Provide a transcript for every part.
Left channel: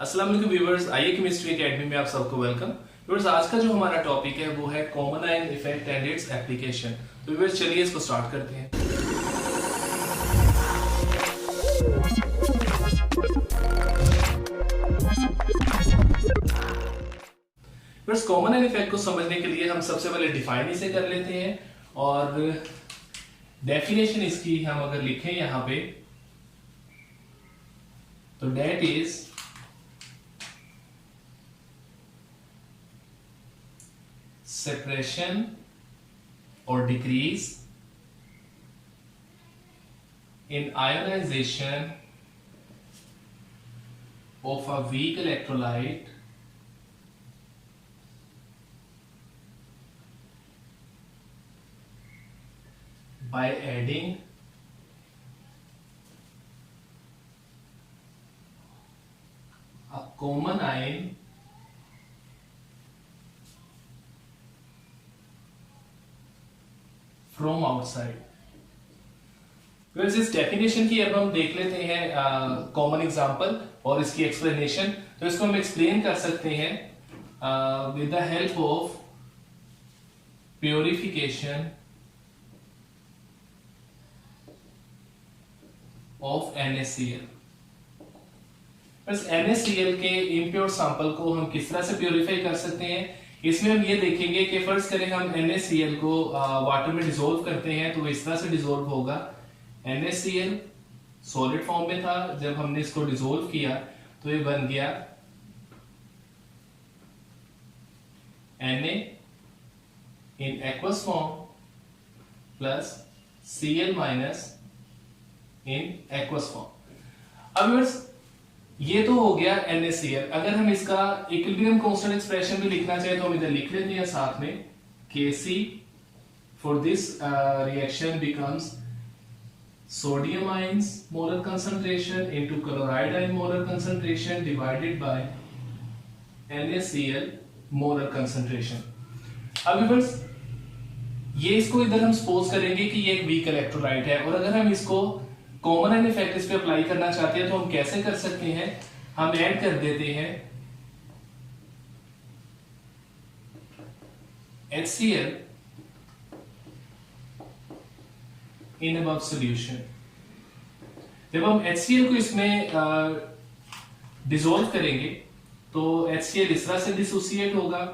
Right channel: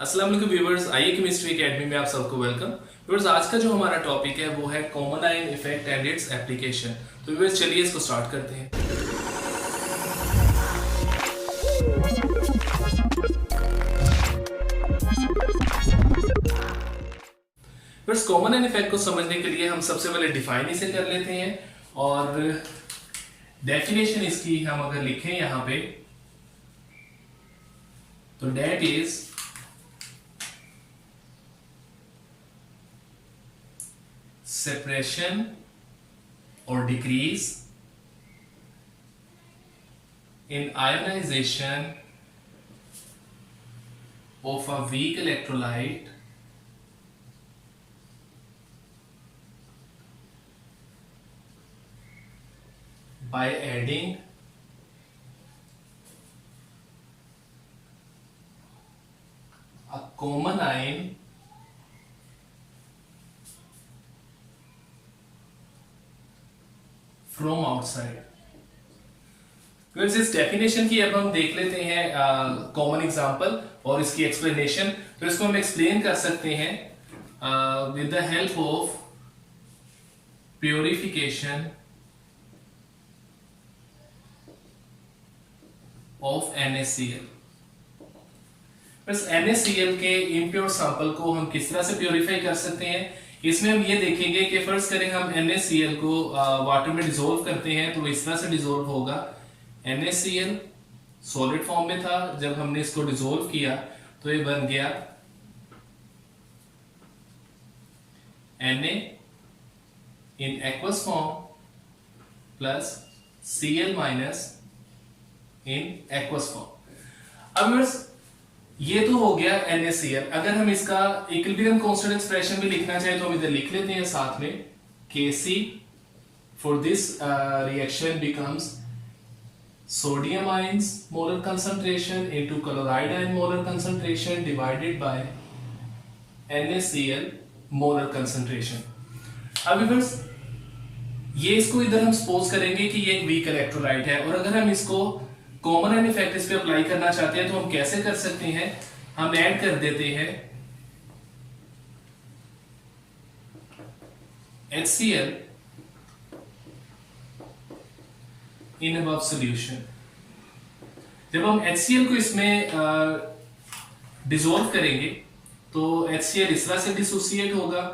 अस्सलाम वालेकुम व्यूअर्स, आइए केमिस्ट्री एकेडमी में आप सबको वेलकम। व्यूअर्स, आज का जो हमारा टॉपिक है वो है common ion effect and its application. तो व्यूअर्स चलिए इसको स्टार्ट करते हैं। व्यूअर्स, कॉमन आयन इफेक्ट को समझने के लिए हम सबसे पहले डिफाइन इसे कर लेते हैं और डेफिनेशन इसकी हम अगर लिखें यहां पे तो that is separation or decrease in ionization of a weak electrolyte by adding a common ion from outside. इस डेफिनेशन की अब हम देख लेते हैं कॉमन एग्जांपल और इसकी एक्सप्लेनेशन। तो इसको हम एक्सप्लेन कर सकते हैं with the help of purification of NaCl। बस NaCl के इम्प्योर सैंपल को हम किस तरह से प्योरीफाई कर सकते हैं, इसमें हम ये देखेंगे कि फर्स्ट करें हम NaCl को वाटर में डिसोल्व करते हैं तो इस तरह से डिसोल्व होगा। NaCl सॉलिड फॉर्म में था, जब हमने इसको डिसोल्व किया तो ये बन गया Na in aqueous form plus Cl minus in aqueous form. अब ये तो हो गया NaCl। अगर हम इसका इक्विलिब्रियम कांस्टेंट एक्सप्रेशन भी लिखना चाहे तो हम इधर लिख लेते हैं साथ में Kc for this reaction becomes sodium ions molar concentration into chloride ion molar concentration divided by NaCl molar concentration. अब व्यूअर्स, ये इसको इधर हम सपोज करेंगे कि ये एक वीक इलेक्ट्रोलाइट है और अगर हम इसको कॉमन आयन इफेक्ट इस पे अप्लाई करना चाहते हैं तो हम कैसे कर सकते हैं, हम ऐड कर देते हैं HCl इन अबव सॉल्यूशन। जब हम HCl को इसमें डिसॉल्व करेंगे तो HCl इस तरह से डिसोसिएट होगा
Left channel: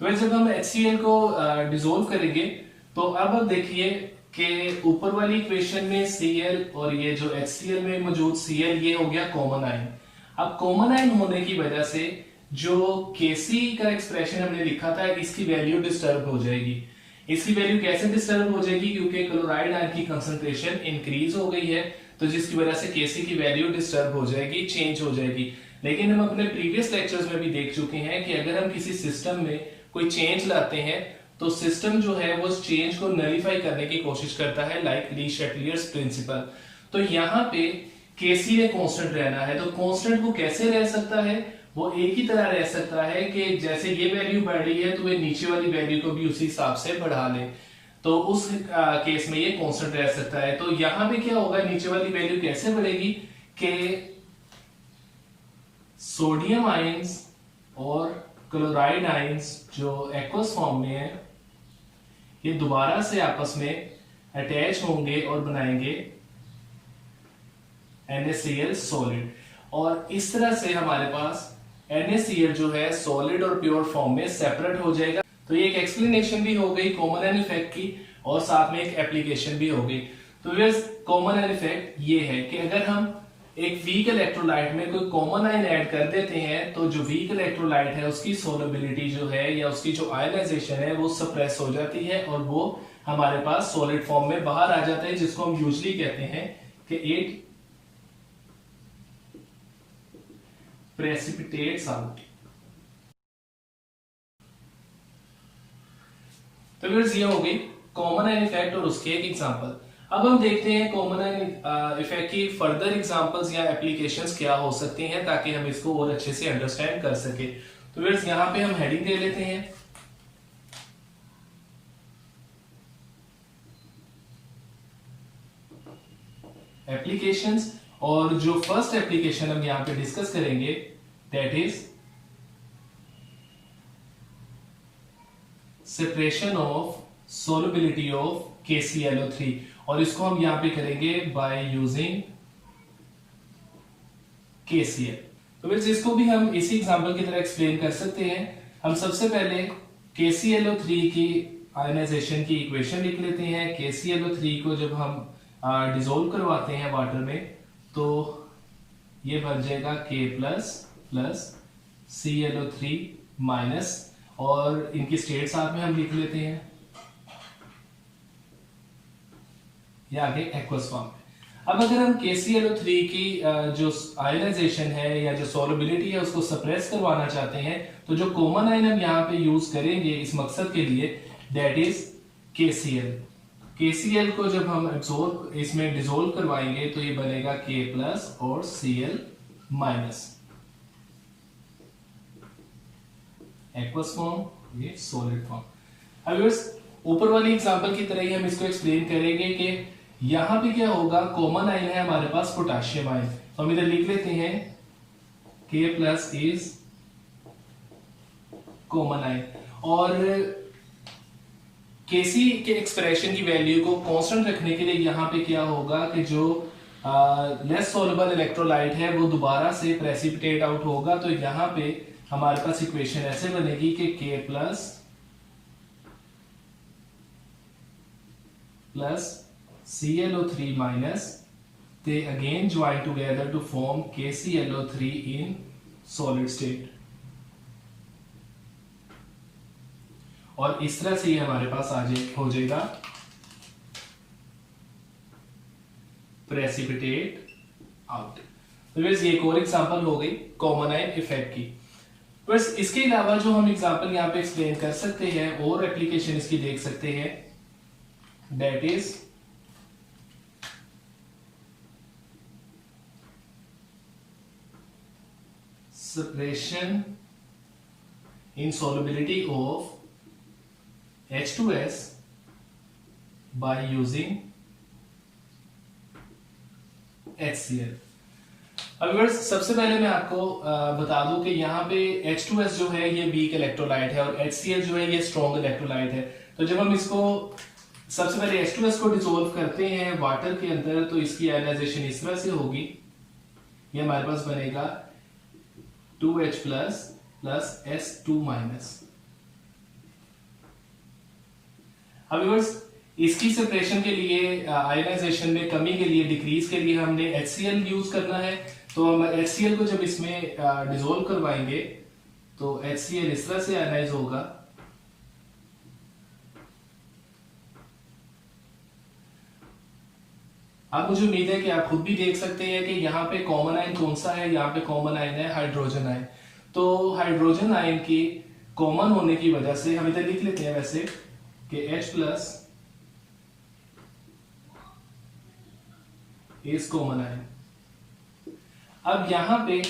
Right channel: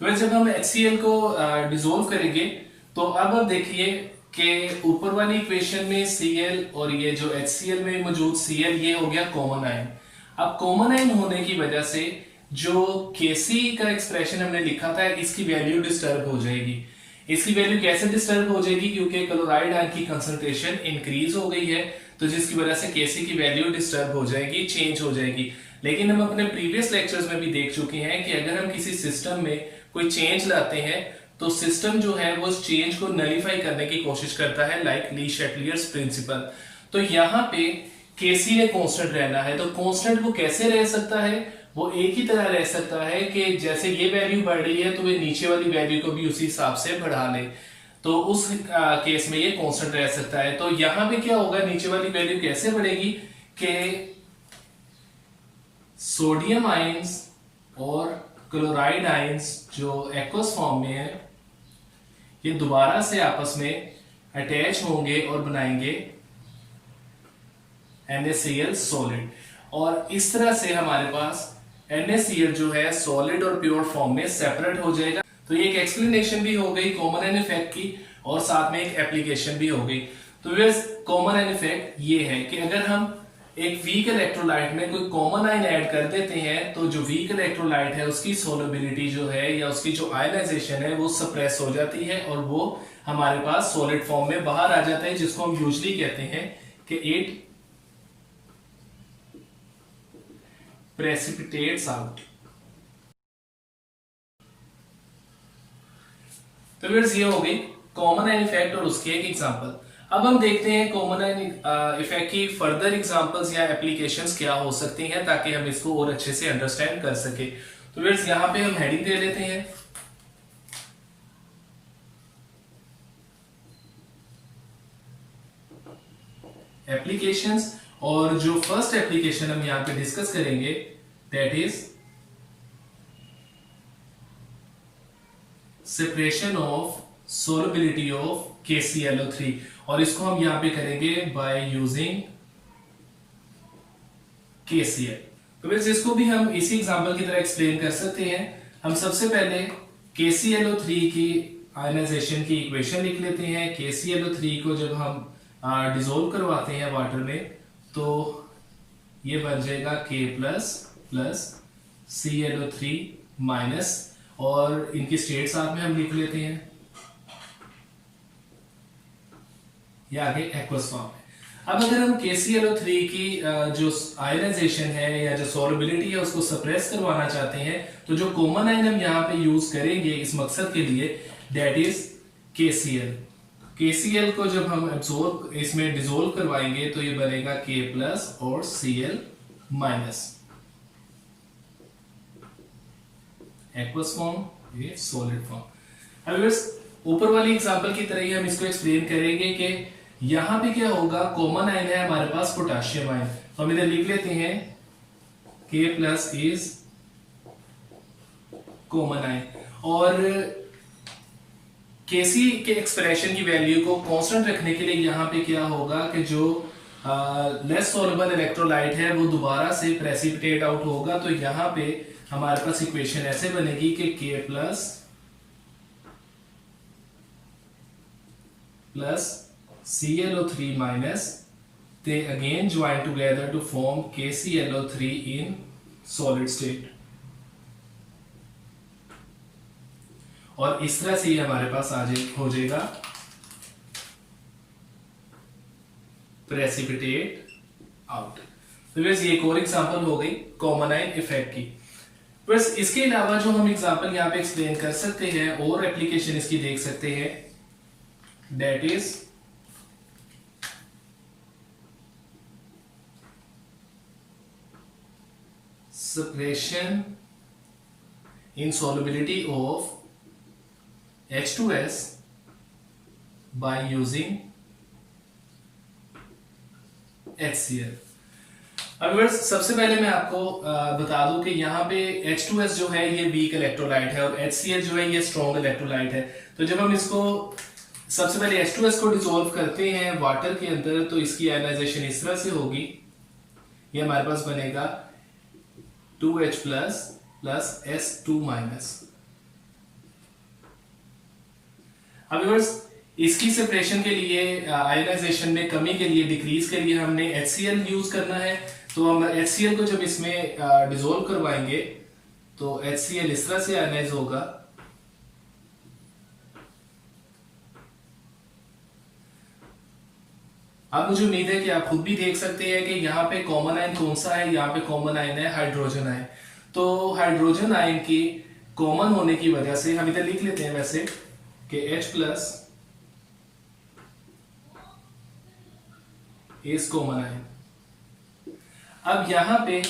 तो जब हम HCl को डिसॉल्व करेंगे तो अब देखिए कि ऊपर वाली इक्वेशन में Cl और ये जो HCl में मौजूद Cl ये हो गया कॉमन आयन। अब कॉमन आयन होने की वजह से जो Kc का एक्सप्रेशन हमने लिखा था इसकी वैल्यू डिस्टर्ब हो जाएगी। इसकी वैल्यू कैसे डिस्टर्ब हो जाएगी, क्योंकि क्लोराइड आयन की कंसंट्रेशन इंक्रीज हो गई है तो जिसकी वजह से Kc की वैल्यू डिस्टर्ब हो जाएगी, चेंज हो जाएगी। लेकिन हम अपने प्रीवियस लेक्चर्स में भी देख चुके हैं कि अगर हम किसी सिस्टम में कोई चेंज लाते हैं तो सिस्टम जो है वो उस चेंज को नलीफाई करने की कोशिश करता है, लाइक ली शैटलियर्स प्रिंसिपल। तो यहाँ पे Kc ने कांस्टेंट रहना है, तो कांस्टेंट वो कैसे रह सकता है, वो एक ही तरह रह सकता है कि जैसे ये वैल्यू बढ़ रही है तो वे नीचे वाली वैल्यू को भी उसी हिसाब से बढ़ा ले, तो उस केस में ये कांस्टेंट रह सकता है। तो यहां पे क्या होगा, नीचे वाली वैल्यू कैसे बढ़ेगी कि सोडियम आयंस और क्लोराइड आयंस जो एक्वस फॉर्म में है ये दोबारा से आपस में अटैच होंगे और बनाएंगे NaCl सॉलिड, और इस तरह से हमारे पास NaCl जो है सॉलिड और प्योर फॉर्म में सेपरेट हो जाएगा। तो ये एक एक्सप्लेनेशन भी हो गई कॉमन आयन इफेक्ट की और साथ में एक एप्लीकेशन भी हो गई। तो व्यूअर्स, कॉमन आयन इफेक्ट ये है कि अगर हम एक वीक इलेक्ट्रोलाइट में कोई कॉमन आयन ऐड कर देते हैं तो जो वीक इलेक्ट्रोलाइट है उसकी सोलबिलिटी जो है या उसकी जो आयनाइजेशन है वो सप्रेस हो जाती है और वो हमारे पास सॉलिड फॉर्म में बाहर आ जाता है, जिसको हम यूजुअली कहते हैं कि इट प्रेसिपिटेट्स आउट। तो व्यूअर्स, ये हो गई कॉमन आयन इफेक्ट और उसके एक एग्जांपल। अब हम देखते हैं कॉमन आयन इफेक्ट की फर्दर एग्जांपल्स या एप्लीकेशंस क्या हो सकती हैं ताकि हम इसको और अच्छे से अंडरस्टैंड कर सके। तो व्यूअर्स, यहां पे हम हेडिंग दे लेते हैं एप्लीकेशंस, और जो फर्स्ट एप्लीकेशन हम यहां पे डिस्कस करेंगे that is separation of solubility of KClO3, और इसको हम यहां पे करेंगे बाय यूजिंग KCl। तो फिर इसको भी हम इसी एग्जांपल की तरह एक्सप्लेन कर सकते हैं। हम सबसे पहले KClO3 की आयनाइजेशन की इक्वेशन लिख लेते हैं। KClO3 को जब हम डिसोल्व करवाते हैं वाटर में तो ये बन जाएगा K plus plus ClO3 minus, और इनकी स्टेट साथ में हम लिख लेते हैं, ये आगे एक्वस फॉर्म है। अब अगर हम KClO3 की जो आयनाइजेशन है या जो सोलबिलिटी है उसको सप्रेस करवाना चाहते हैं, तो जो कॉमन आयन हम यहाँ पे यूज करेंगे इस मकसद के लिए दैट इज KCl। KCl को जब हम एब्सॉर्ब इसमें डिसोल्व करवाएंगे तो ये बनेगा K प्लस और Cl माइनस, एक्वस फॉर्म, ये सॉलिड फॉर्म। अब ऊपर वाली एग्जांपल की तरह ही हम इसको एक्सप्लेन करेंगे कि यहां पे क्या होगा, कॉमन आयन है हमारे पास पोटेशियम आयन, तो हम इधर लिख लेते हैं K plus is common ion, और Kc के एक्सप्रेशन की वैल्यू को कांस्टेंट रखने के लिए यहां पे क्या होगा कि जो लेस सॉल्युबल इलेक्ट्रोलाइट है वो दोबारा से प्रेसिपिटेट आउट होगा। तो यहां पे हमारे पास इक्वेशन ऐसे बनेगी कि K plus plus ClO3 minus, they again join together to form KClO3 in solid state, और इस तरह से हमारे पास हो जाएगा प्रेसिपिटेट आउट। तो वैसे ये एक और एग्जांपल हो गई कॉमन आयन इफेक्ट की। बस इसके अलावा जो हम एग्जांपल यहां पे एक्सप्लेन कर सकते हैं और एप्लीकेशन इसकी देख सकते हैं that is separation in solubility of H2S by using HCl। अब सबसे पहले मैं आपको बता दूं कि यहाँ पे H2S जो है ये वीक इलेक्ट्रोलाइट है और HCl जो है ये स्ट्रॉन्ग इलेक्ट्रोलाइट है। तो जब हम इसको सबसे पहले H2S को डिसॉल्व करते हैं वाटर के अंदर तो इसकी आयनाइजेशन इस तरह से होगी, ये हमारे पास बनेगा 2H plus plus S2 minus. अब व्यूअर्स इसकी सेपरेशन के लिए आयनाइजेशन में कमी के लिए डिक्रीज के लिए हमने HCl यूज करना है। तो हम HCl को जब इसमें डिसॉल्व करवाएंगे तो HCl इस तरह से आयनाइज होगा, अब मुझे उम्मीद है कि आप खुद भी देख सकते हैं कि यहाँ पे कॉमन आयन कौन सा है, यहाँ पे कॉमन आयन है हाइड्रोजन आयन। तो हाइड्रोजन आयन की कॉमन होने की वजह से हम इधर लिख लेते हैं वैसे कि H plus is common ion. अब यहाँ पे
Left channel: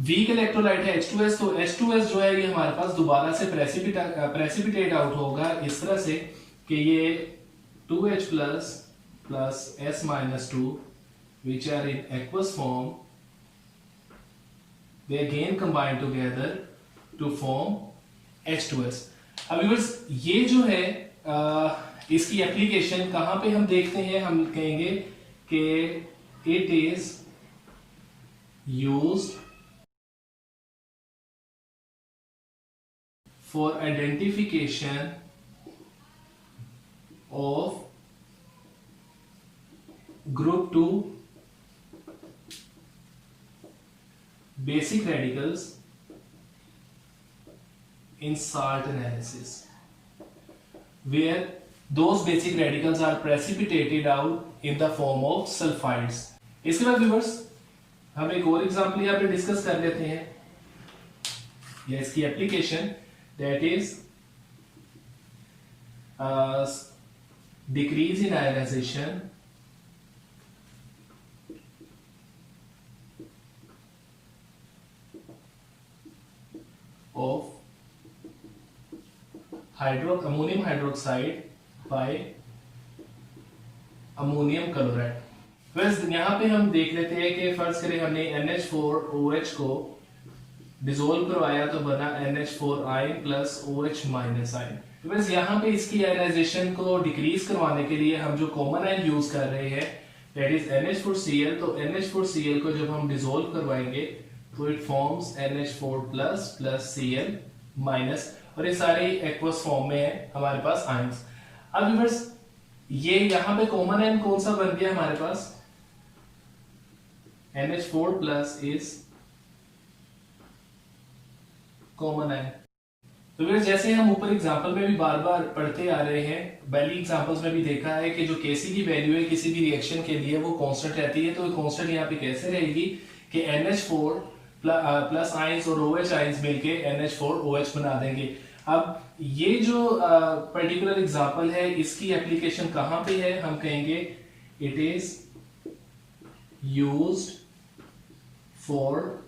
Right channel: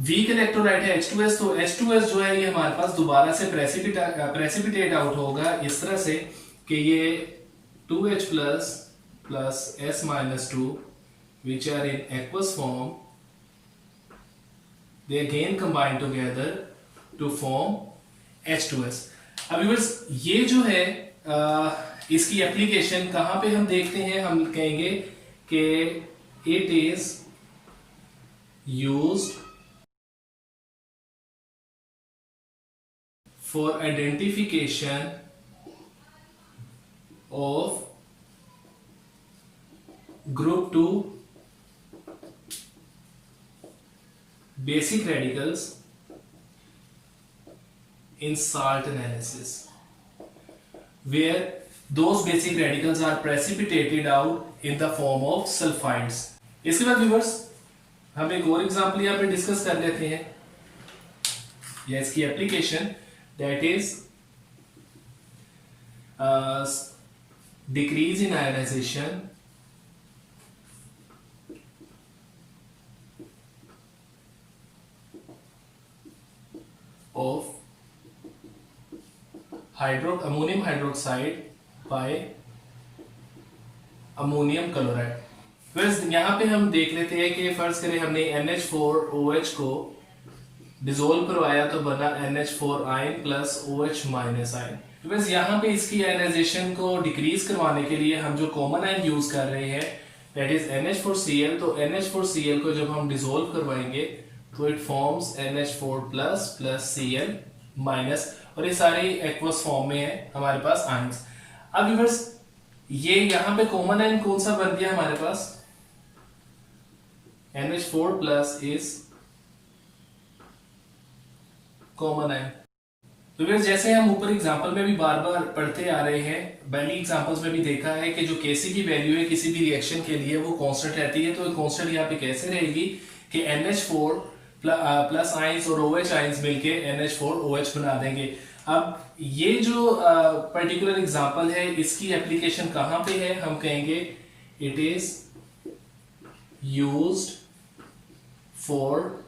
वीक इलेक्ट्रोलाइट है H2S, तो H2S जो है ये हमारे पास दोबारा से प्रेसिपिटेट आउट होगा इस तरह से कि ये 2H plus plus S minus 2 which are in aqueous form, they again combine together to form H2S। अब व्यूअर्स ये जो है इसकी एप्लीकेशन कहां पे हम देखते हैं, हम कहेंगे कि it is used for identification of group 2 basic radicals in salt analysis where those basic radicals are precipitated out in the form of sulfides। इसके बाद व्यूअर्स हम एक और एग्जांपल यहाँ पे डिस्कस कर लेते हैं या इसकी application that is decrease in ionisation of ammonium hydroxide by ammonium chloride। Friends यहाँ पे हम देख लेते हैं कि फर्ज करें हमने NH4OH को डिसोल्व करवाया तो बना NH4 ion plus OH minus ion. Friends यहाँ पे इसकी आयनाइजेशन को डिक्रीज करवाने के लिए हम जो कॉमन आयन यूज कर रहे हैं दैट इज NH4Cl। तो NH4Cl को जब हम डिसोल्व करवाएंगे तो it forms NH4 plus plus Cl minus, और ये सारे एक्वस फॉर्म में है हमारे पास आयंस। अब व्यूअर्स ये यहां पे कॉमन आयन कौन सा बन गया हमारे पास, NH4 plus is common ion. तो फिर जैसे हम ऊपर एग्जांपल में भी बार बार पढ़ते आ रहे हैं, पहली एग्जांपल्स में भी देखा है कि जो Kc की वैल्यू है किसी भी रिएक्शन के लिए वो कांस्टेंट रहती है। तो कांस्टेंट यहाँ पे कैसे रहेगी कि NH4 प्लस आयंस और OH आयंस मिलके NH4OH बना देंगे। अब ये जो पर्टिकुलर एग्जांपल है इसकी एप्लीकेशन कहां पे है, हम कहेंगे it is used for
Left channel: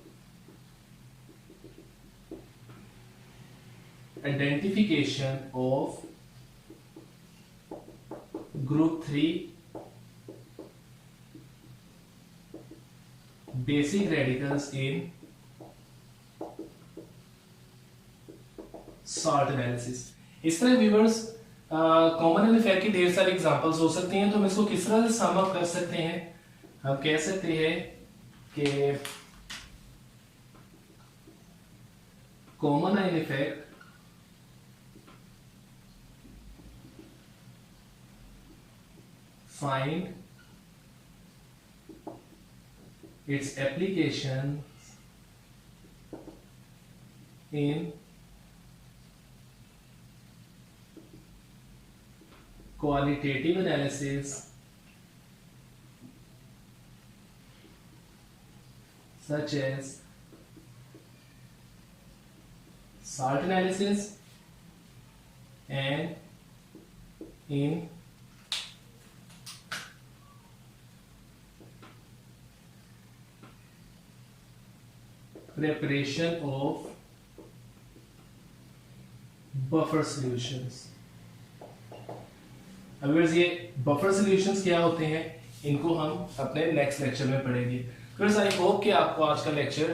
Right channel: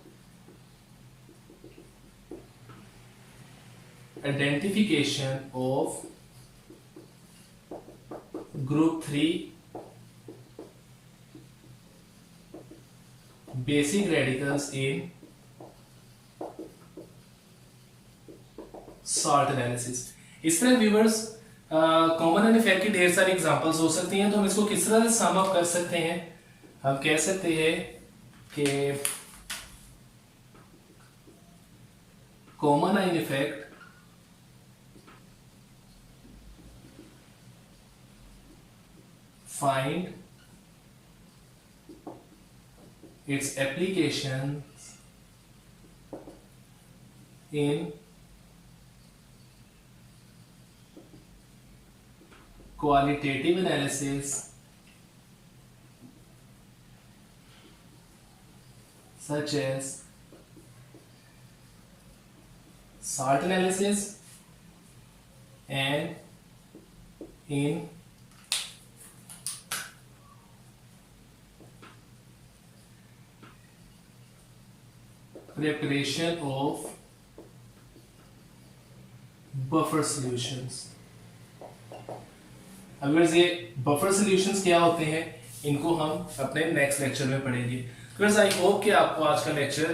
identification of group 3 basic radicals in salt analysis। इस तरह व्यूअर्स कॉमन एंड इफेक्ट की ढेर सारी एग्जांपल्स हो सकती हैं। तो हम इसको किस तरह से सम अप कर सकते हैं, हम कह सकते हैं कि common ion effect find its applications in qualitative analysis such as salt analysis and in preparation of buffer solutions। अगर ये बफर सॉल्यूशंस क्या होते हैं इनको हम अपने नेक्स्ट लेक्चर में पढ़ेंगे। फ्रेंड्स आई होप कि आपको आज का लेक्चर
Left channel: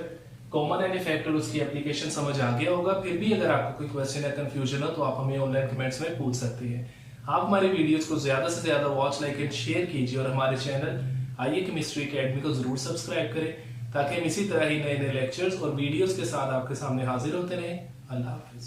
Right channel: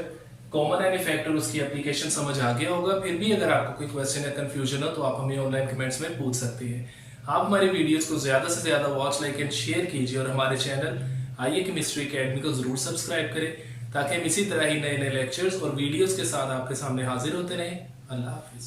कॉमन एंड इफेक्ट और उसकी एप्लीकेशन समझ आ गया होगा। फिर भी अगर आपको कोई क्वेश्चन या कंफ्यूजन हो तो आप हमें ऑनलाइन कमेंट्स में पूछ सकते हैं। आप हमारी वीडियोस को ज्यादा से ज्यादा वॉच, लाइक एंड शेयर कीजिए और हमारे चैनल आईए केमिस्ट्री अकेडमी को जरूर सब्सक्राइब करें ताकि हम इसी तरह ही नए नए लेक्चर्स और वीडियोस के साथ आपके सामने हाजिर होते रहें। अल्लाह हाफिज।